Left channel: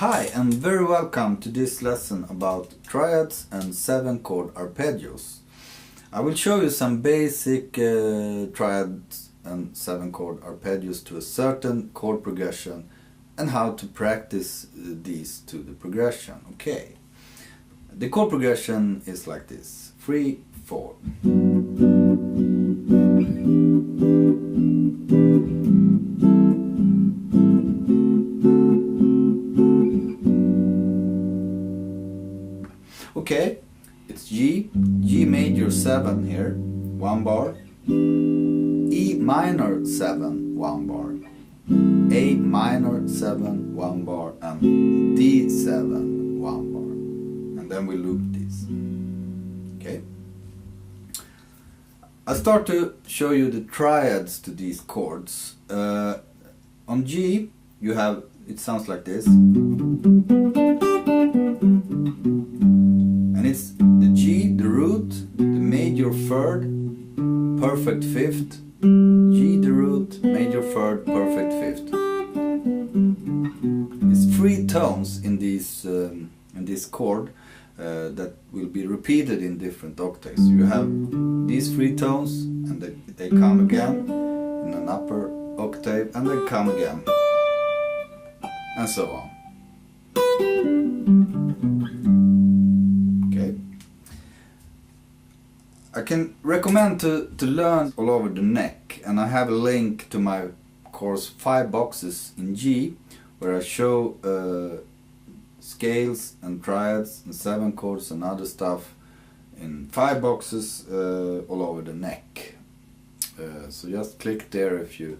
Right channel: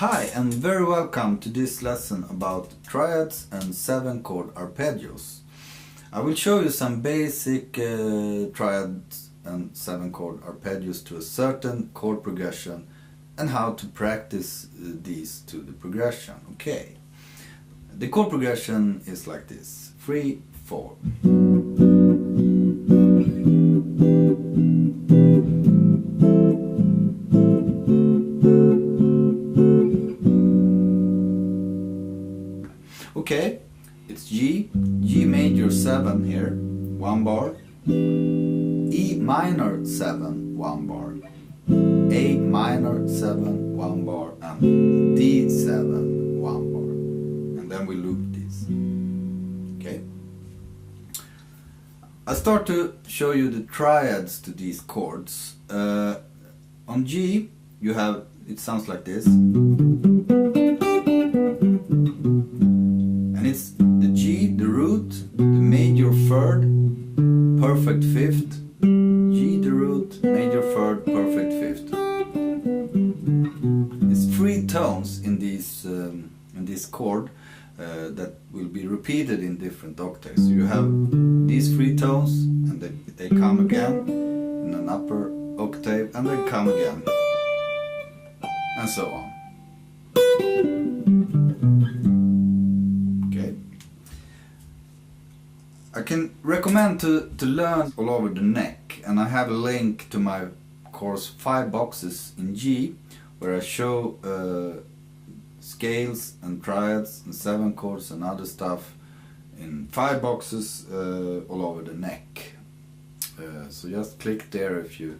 Hi and very welcome to this lesson about triads and 7-chord arpeggios. I will show you some basic triads and 7-chord arpeggios to a certain chord progression and how to practice these to the progression. Okay. The chord progression is like this: 3, 4. Okay, it's G major 7 here, 1 bar, E minor 7, 1 bar, A minor 7, 1 bar, and D7, 1 bar. And then we loop these. Okay. I'll start to show you the triads to these chords. On G, you have, it sounds like this. It's the G, the root, the major third, perfect fifth, G, the root, major third, perfect fifth. It's 3 tones in this chord that will be repeated in different octaves. You have these 3 tones, and they come again in an upper octave, and they come again, and so on. I can recommend to learn all over the neck, and I have a link to my course 5 boxes in G, where I show scales and triads and 7 chords and other stuff in 5 boxes all over the neck. So just click there if you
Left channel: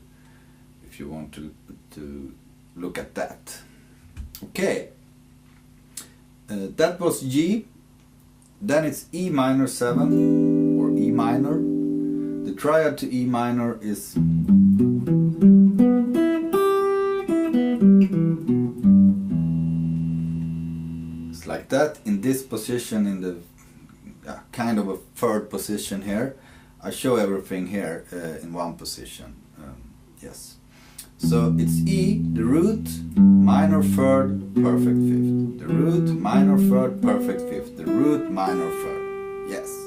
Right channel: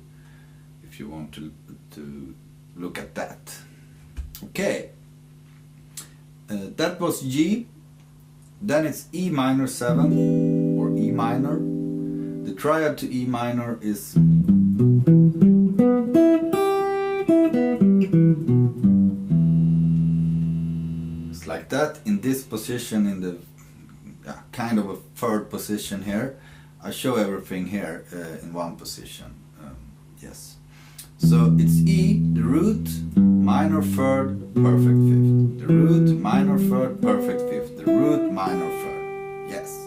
want to look at that. Okay, that was G. Then it's E minor 7. E minor. The triad to E minor is it's like that in this position, in the kind of a third position here. I show everything here in one position. Yes. So it's E, the root, minor third, perfect fifth. The root, minor third, perfect fifth. The root, minor third. Yes.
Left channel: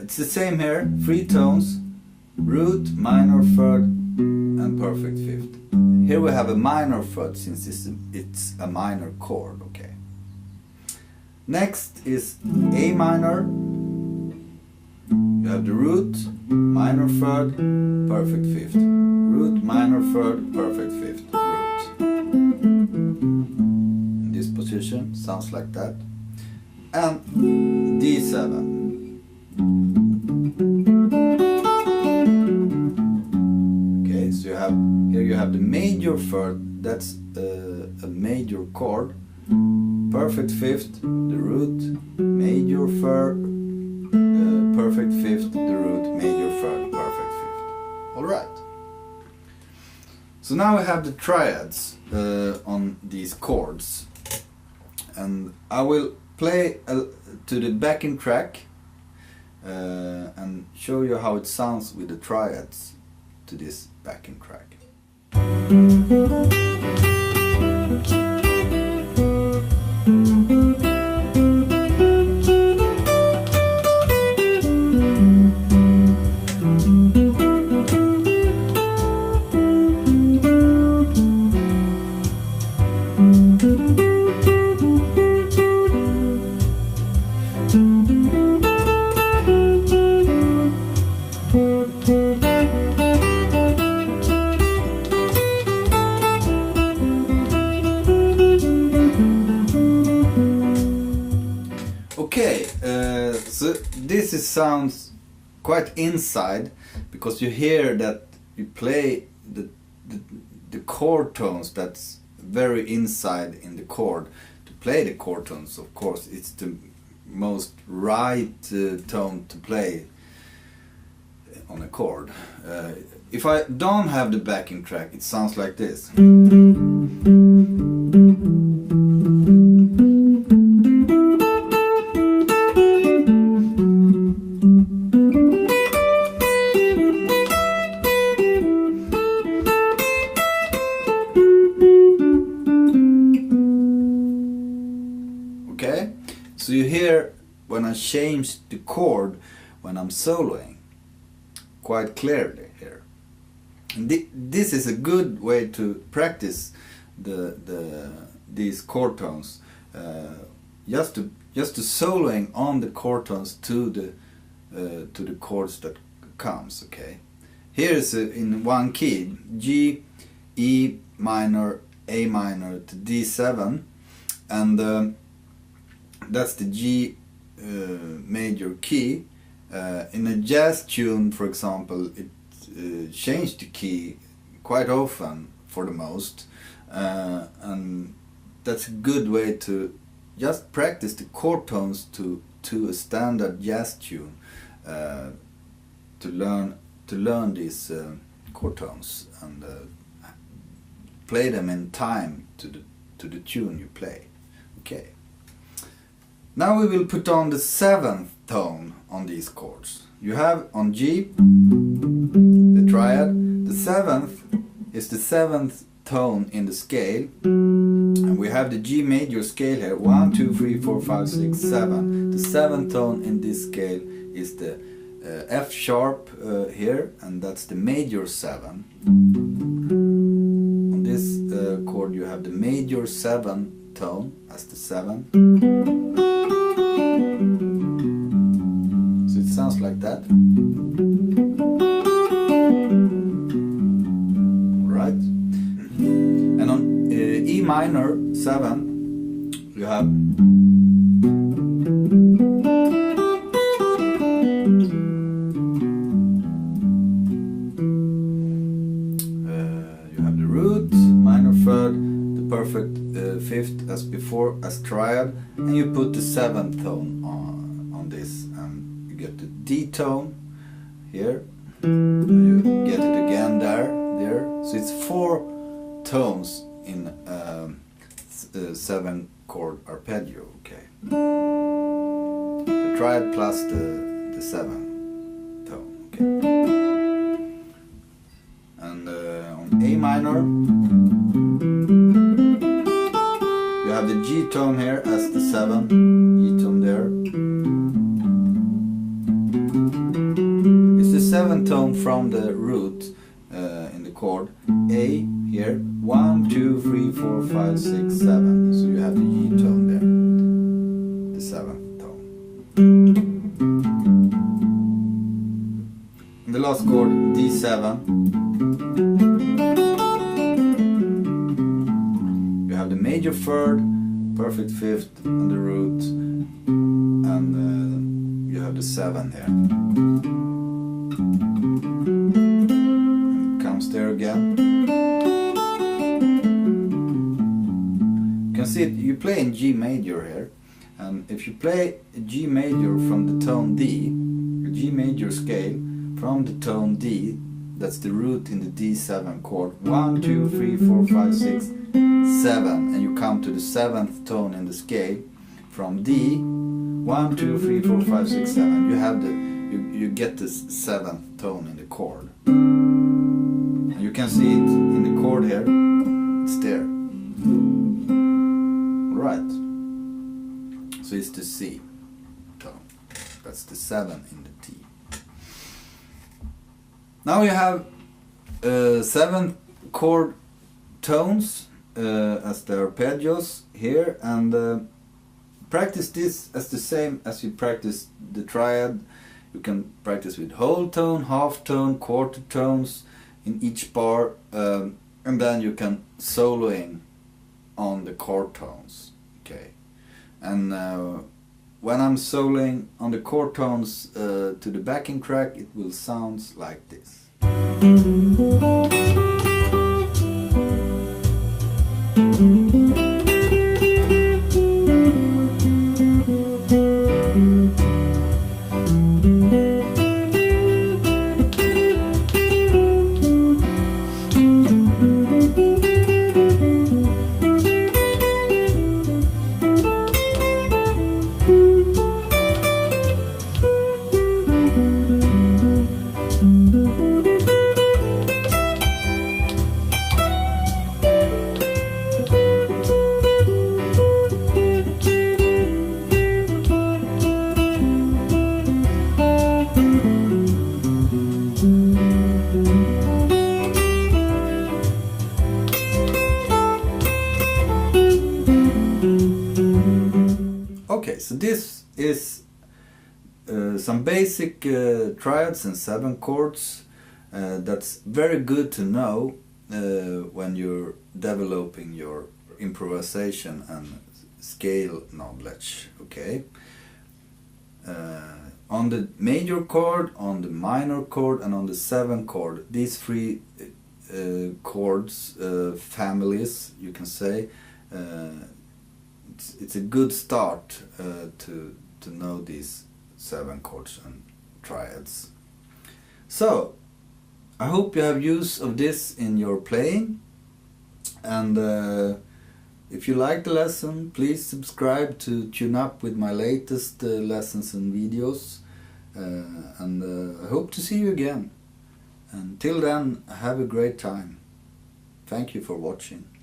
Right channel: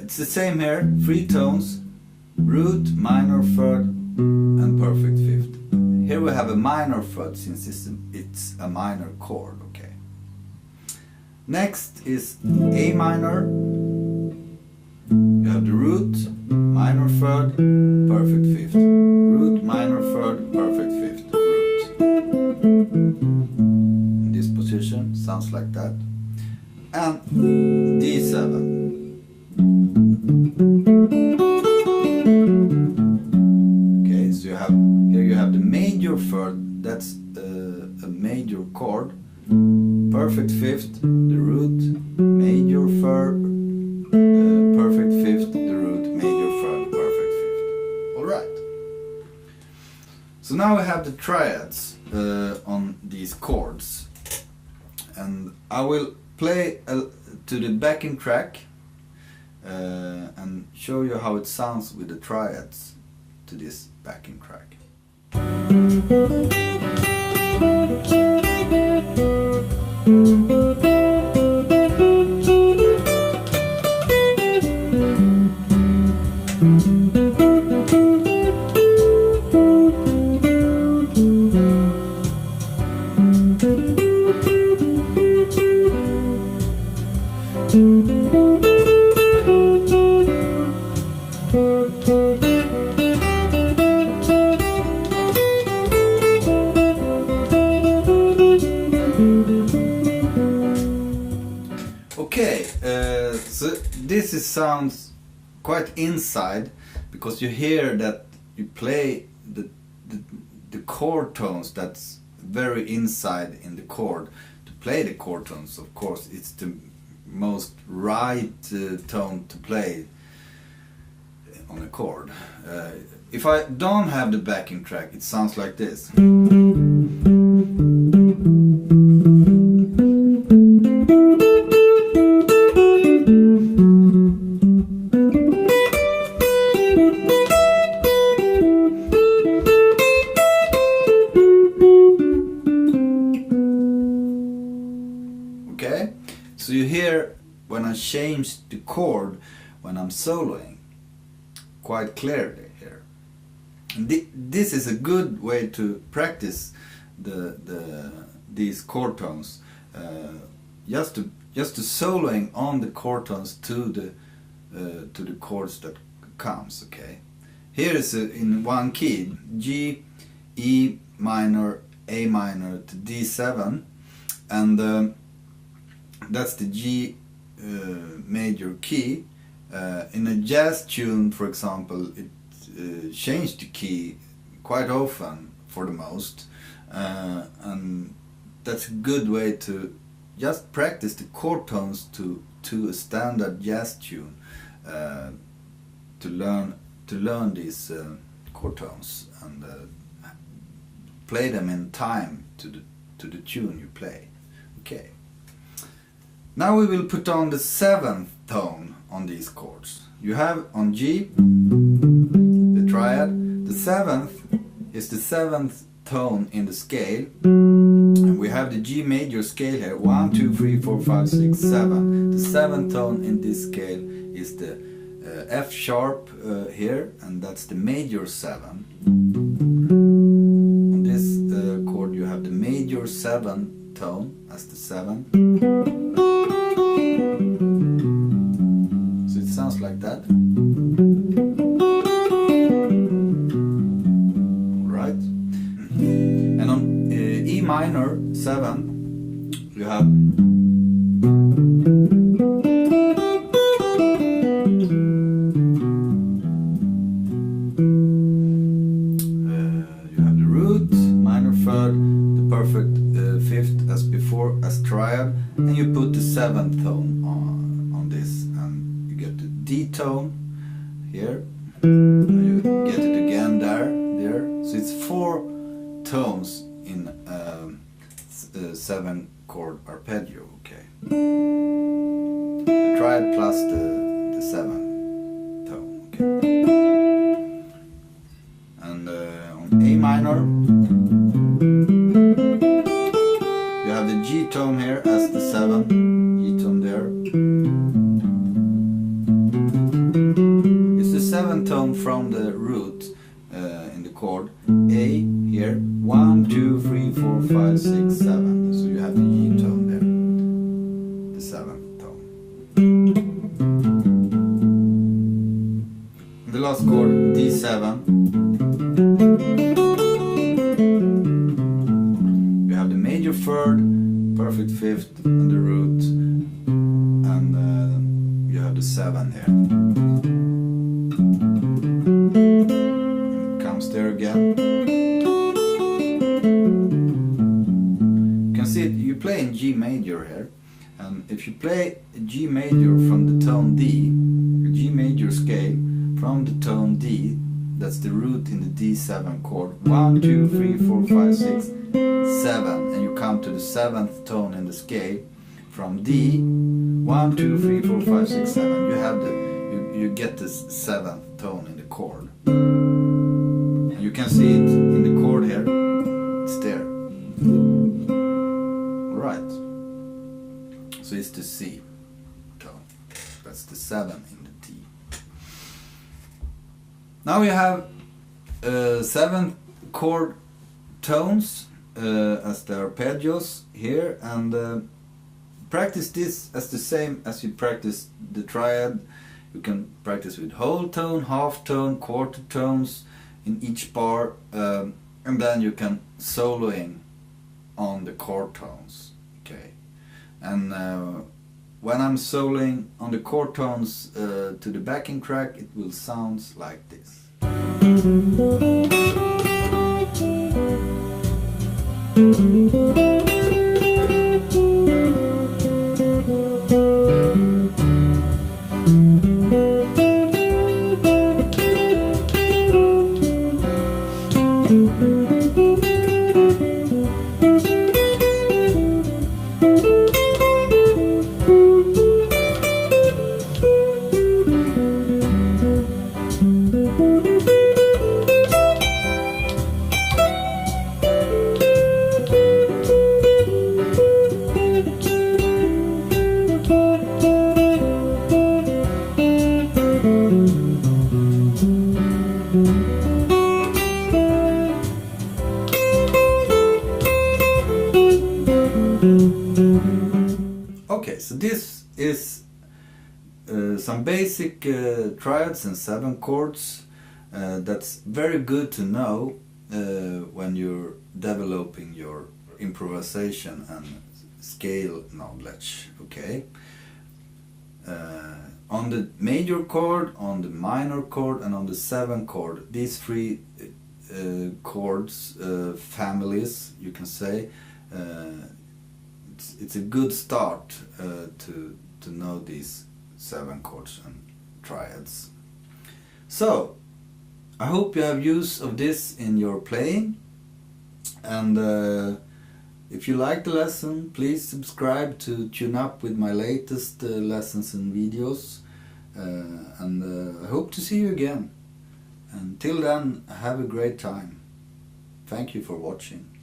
It's the same here, 3 tones, root, minor third, and perfect fifth. Here we have a minor third since it's a minor chord. Okay. Next is A minor. You have the root, minor third, perfect fifth. Root, minor third, perfect fifth. Root. In this position, sounds like that. And D7. Here you have the major third, that's a major chord, perfect fifth, the root, major third, perfect fifth, the root, major third, perfect fifth. Alright. So now we have the triads on these chords, and I will play to the backing track and show you how it sounds with the triads to this backing track. Okay, so this sounds quite inside, because you hear that you play the chord tones. That's very inside in the chord. To play the chord tones, of course, it's the most right tone to play on a chord. If I don't have the backing track, it sounds like this. when I change the chord when I'm soloing quite clearly here. And this is a good way to practice these chord tones, just to soloing on the chord tones to the chords that comes. Okay, here is in one key: G, E minor, A minor to D7, and that's the G major key. In a jazz tune, for example, it changed the key quite often for the most, and that's a good way to just practice the chord tones to a standard jazz tune, to learn these chord tones and play them in time to the tune you play. Okay. Now we will put on the 7th tone on these chords. You have on G, the triad. The 7th is the 7th tone in the scale, and we have the G major scale here: 1, 2, 3, 4, 5, 6, 7. The 7th tone in this scale is the F sharp here, and that's the major 7. On this chord you have the major 7 tone as the 7. So it sounds like that. Alright. And on E minor 7 you have the root, minor 3rd, the perfect 5th as before as triad, and you put the 7th tone on this, and you get the D tone here, and you get it again there. So it's 4 tones in 7 chord arpeggio. Okay, the triad plus the 7th tone. Okay, and on A minor you have the G tone here as the 7th, E tone there. It's the 7th tone from the root in the chord A here, 1, 2, 3, 4, 5, 6, 7. So you have the E tone there, the 7th tone. And the last chord, D7. You have the major 3rd, perfect 5th, and the root, and you have the 7 here. And it comes there again. You can see it, you play in G major here, and if you play G major from the tone D, a G major scale from the tone D, that's the root in the D7 chord, 1, 2, 3, 4, 5, 6, 7, and you come to the 7th tone in the scale from D, 1, 2, 3, 4, 5, 6, 7. You have you get this 7th tone in the chord. And you can see it in the chord here. It's there. Right. So it's the C tone. That's the 7 in the D. Now you have 7 chord tones as the arpeggios here, and practice this as the same as you practice the triad. You can practice with whole tone, half tone, quarter tones in each bar, and then you can soloing on the chord tones. Okay, and when I'm soloing on the chord tones to the backing track, it will sound like this. so this is some basic triads and 7 chords. That's very good to know when you're developing your improvisation and scale knowledge, okay? On the major chord, on the minor chord, and on the 7 chord, these 3 chords, families, you can say, it's a good start to know these 7 chords and triads. So I hope you have use of this in your playing, and if you like the lesson, please subscribe to tune up with my latest lessons and videos, and I hope to see you again. Until then, have a great time. Thank you for watching.